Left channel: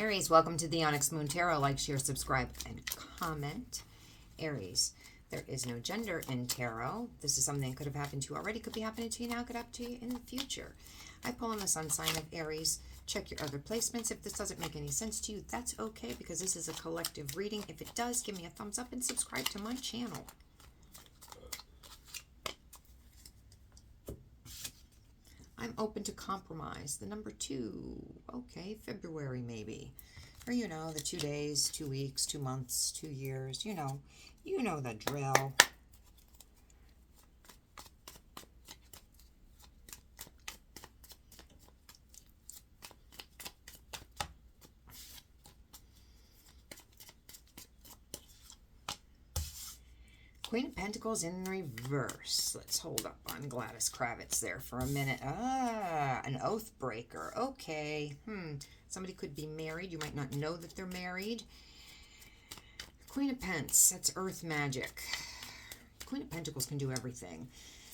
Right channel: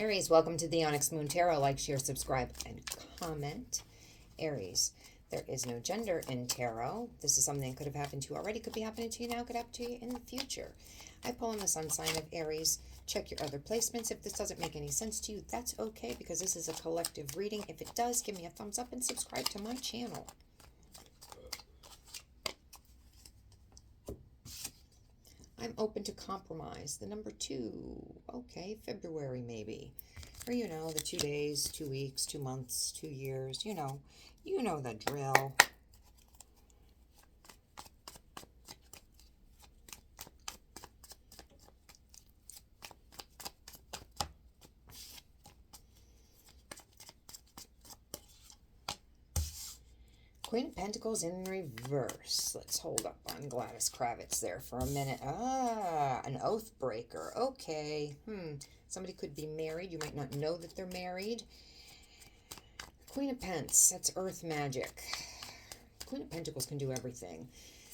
Aries, welcome to the Onyx Moon Tarot. Like, share, subscribe, and comment. Aries, there is no gender in tarot. This is something that could have happened to you already, could be happening to you now, could happen to you in the future. I pull on the sun sign of Aries. Check your other placements. If this doesn't make any sense to you, that's okay, because this is a collective reading. If it does, give me a thumbs up and subscribe to my channel. I'm open to compromise. The number 2. Okay, February maybe. Or, you know, the 2 days, 2 weeks, 2 months, 2 years. You know the drill. Queen of Pentacles in reverse. Let's hold up on Gladys Kravitz there for a minute. An oath breaker. Okay. Somebody could be married. You might not know that they're married. Queen of Pence. That's earth magic. Queen of Pentacles can do everything.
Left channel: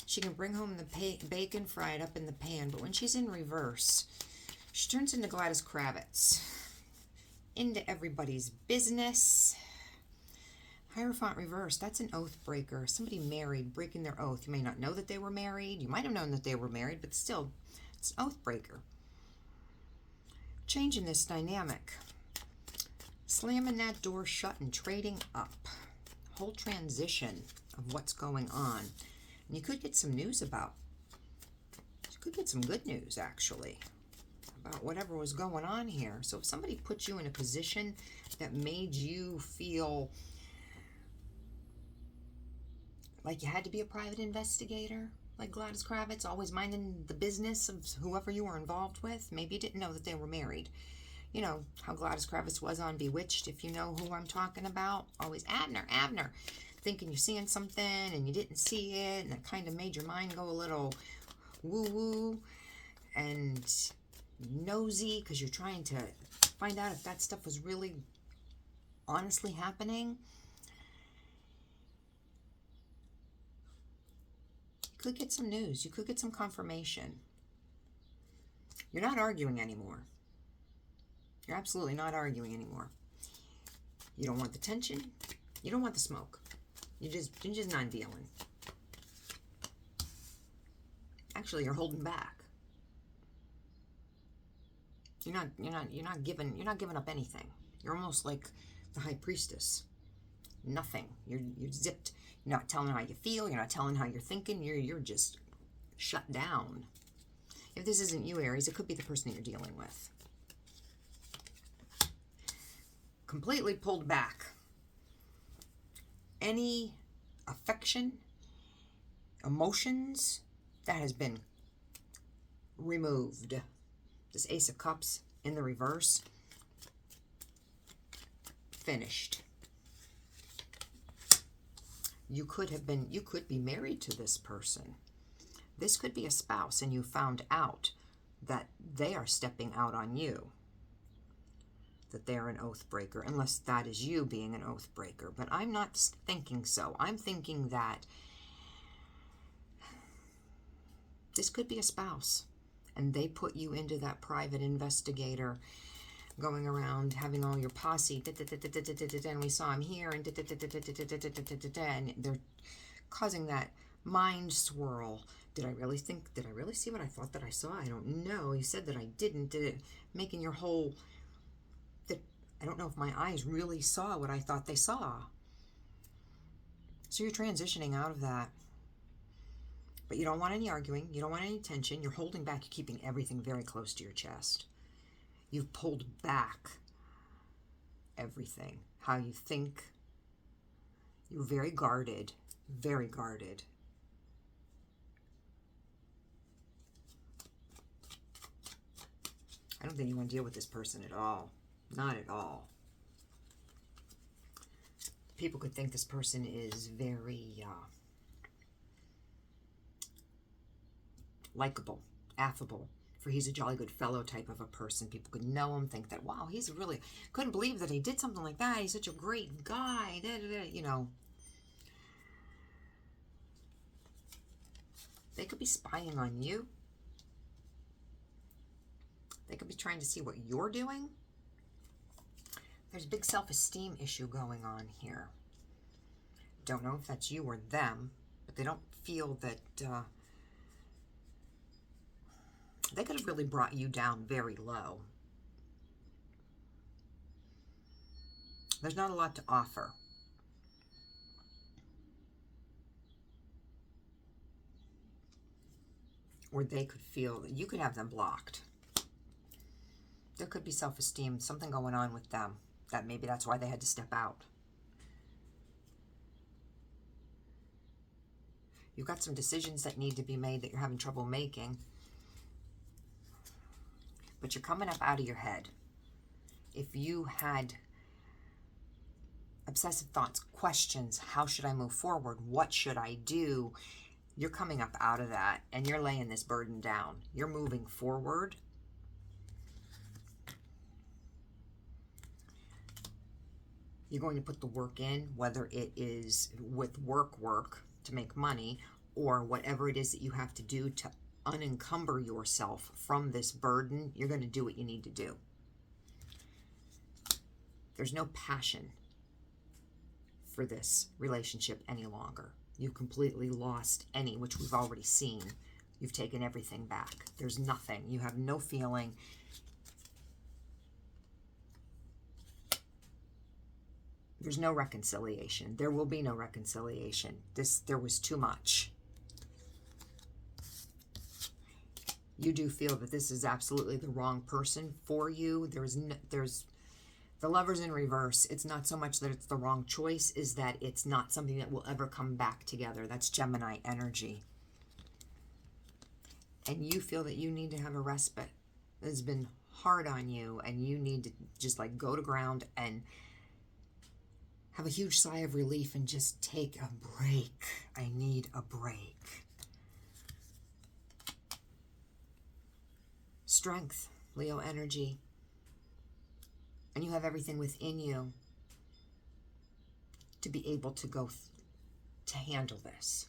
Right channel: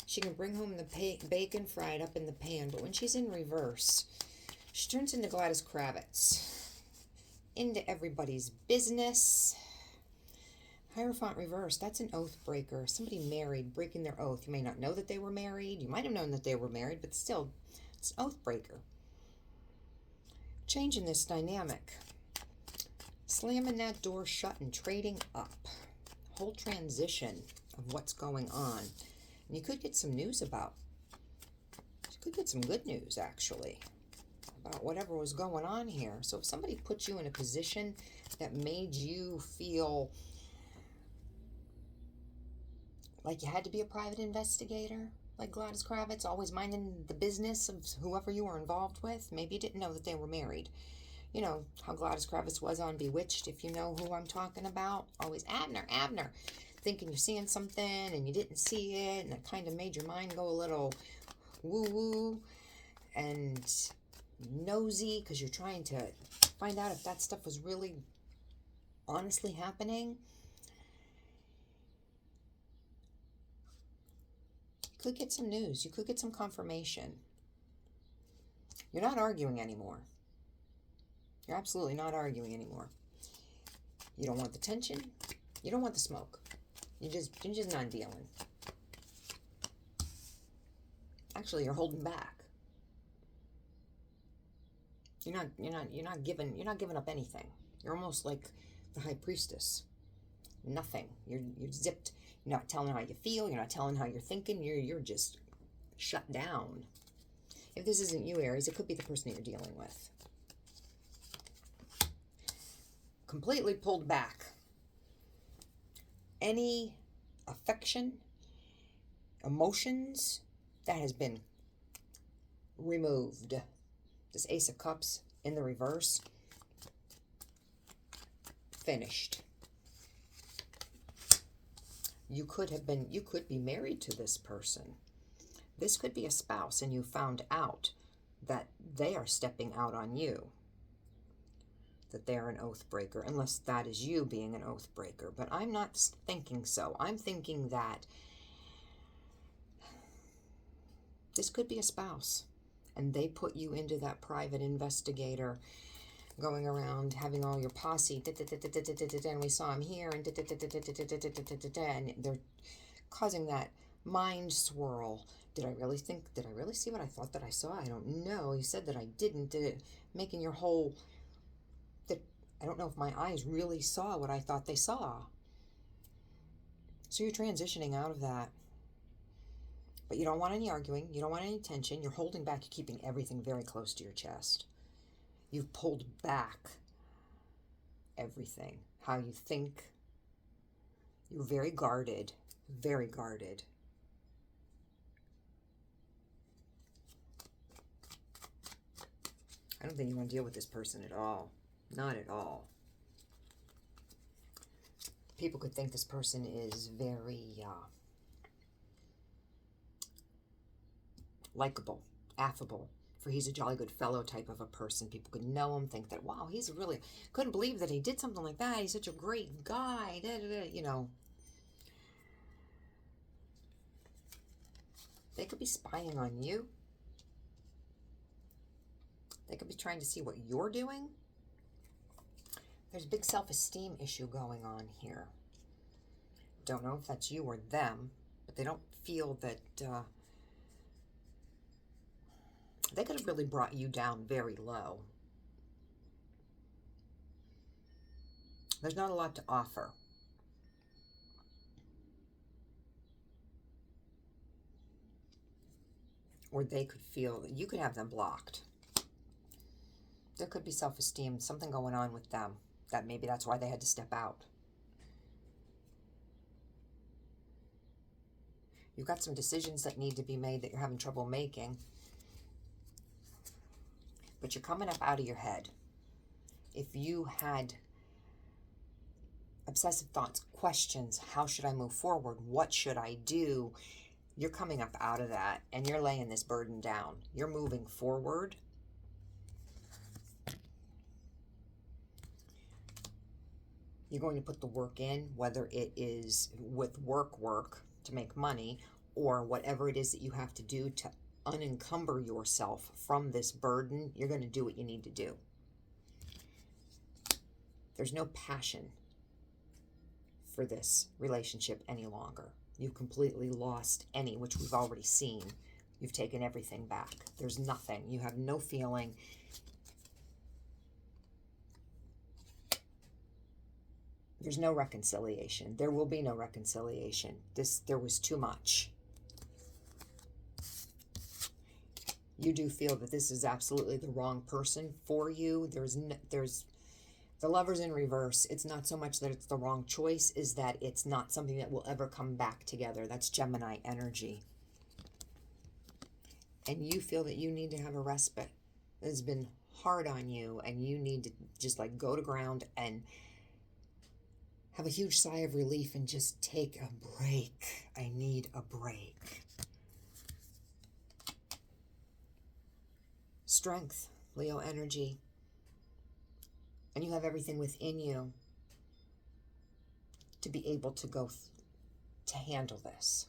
She can bring home the bacon fried up in the pan, but when she's in reverse, she turns into Gladys Kravitz. Into everybody's business. Hierophant reverse, that's an oath breaker. Somebody married, breaking their oath. You may not know that they were married. You might have known that they were married, but still, it's an oath breaker. Changing this dynamic. Slamming that door shut and trading up. Whole transition of what's going on. And you could get some news about. You could get some good news, actually, about whatever was going on here. So if somebody put you in a position that made you feel like you had to be a private investigator, like Gladys Kravitz, always minding the business of whoever you were involved with. Maybe you didn't know that they were married. You know how Gladys Kravitz was on Bewitched, if you know who I'm talking about. Always Abner, thinking you're seeing something and you didn't see it, and it kind of made your mind go a little woo-woo and nosy because you're trying to find out if that stuff was really honestly happening. You could get some news. You could get some confirmation. You're not arguing anymore. You're absolutely not arguing anymore. You don't want the tension. You don't want the smoke. You're just not dealing. Actually, you're holding back. You're not giving up anything. You're almost like the high priestess. Nothing. You're zipped. You're not telling how you feel. You're not telling how you're thinking. You're just shut down. If this isn't you, Aries, it could be the person that you're dealing with. Completely pulled back. Any affection, emotions, that has been removed. This Ace of Cups in the reverse. Finished. You could be married to this person. This could be a spouse, and you found out that they are stepping out on you. That they're an oath breaker, unless that is you being an oath breaker. But I'm not thinking so. I'm thinking that this could be a spouse, and they put you into that private investigator, going around having all your posse, and we saw him here, and they're causing that mind swirl. Did I really see what I thought that I saw? I don't know. You said that I didn't. Did it making your whole, I don't know if my eyes really saw what I thought they saw. So you're transitioning out of that. But you don't want any arguing. You don't want any tension. You're holding back. You're keeping everything very close to your chest. You've pulled back everything. How you think. You're very guarded. Very guarded. I don't think you want to deal with this person at all. Not at all. People could think this person is very likable, affable, for he's a jolly good fellow type of a person. People could know him, think that, wow, he's really, couldn't believe that he did something like that. He's such a great guy, you know. They could be spying on you. They could be trying to see what you're doing. There's a big self-esteem issue going on here. Don't know if that's you or them, but they don't feel that they could have really brought you down very low. There's not a lot to offer. Or they could feel that you could have them blocked. There could be self-esteem, something going on with them, that maybe that's why they had to step out. You've got some decisions that need to be made that you're having trouble making, but you're coming up out of your head. If you had obsessive thoughts, questions, how should I move forward? What should I do? You're coming up out of that and you're laying this burden down. You're moving forward. You're going to put the work in, whether it is with work to make money, or whatever it is that you have to do to unencumber yourself from this burden. You're going to do what you need to do. There's no passion for this relationship any longer. You've completely lost any, which we've already seen. You've taken everything back. There's nothing. You have no feeling. There's no reconciliation. There will be no reconciliation. There was too much. You do feel that this is absolutely the wrong person for you. There's the Lover's in reverse. It's not so much that it's the wrong choice, is that it's not something that will ever come back together. That's Gemini energy. And you feel that you need to have a respite. It's been hard on you, and you need to just like go to ground and have a huge sigh of relief and just take a break. I need a break. Strength, Leo energy. And you have everything within you to be able to to handle this.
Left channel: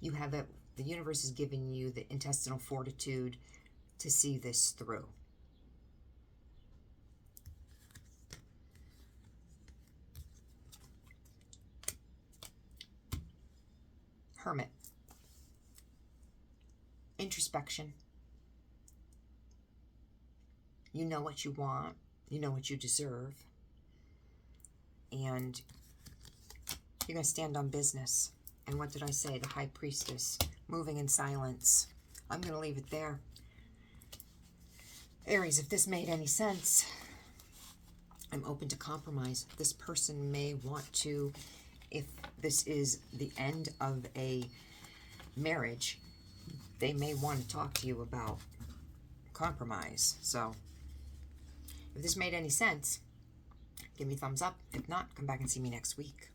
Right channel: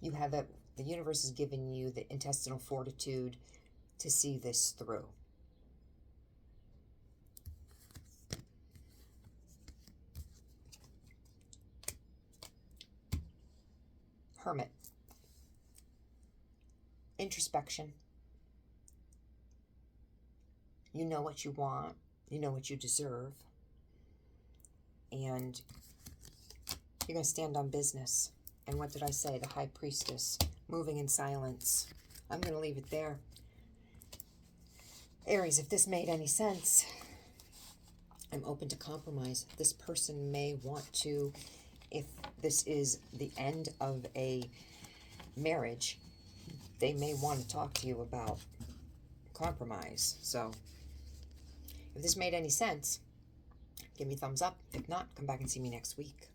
You have it. The universe has given you the intestinal fortitude to see this through. Hermit. Introspection. You know what you want. You know what you deserve. And you're going to stand on business. And what did I say? The High Priestess. Moving in silence. I'm going to leave it there. Aries, if this made any sense, I'm open to compromise. This person may want to, if this is the end of a marriage, they may want to talk to you about compromise. So if this made any sense, give me a thumbs up. If not, come back and see me next week.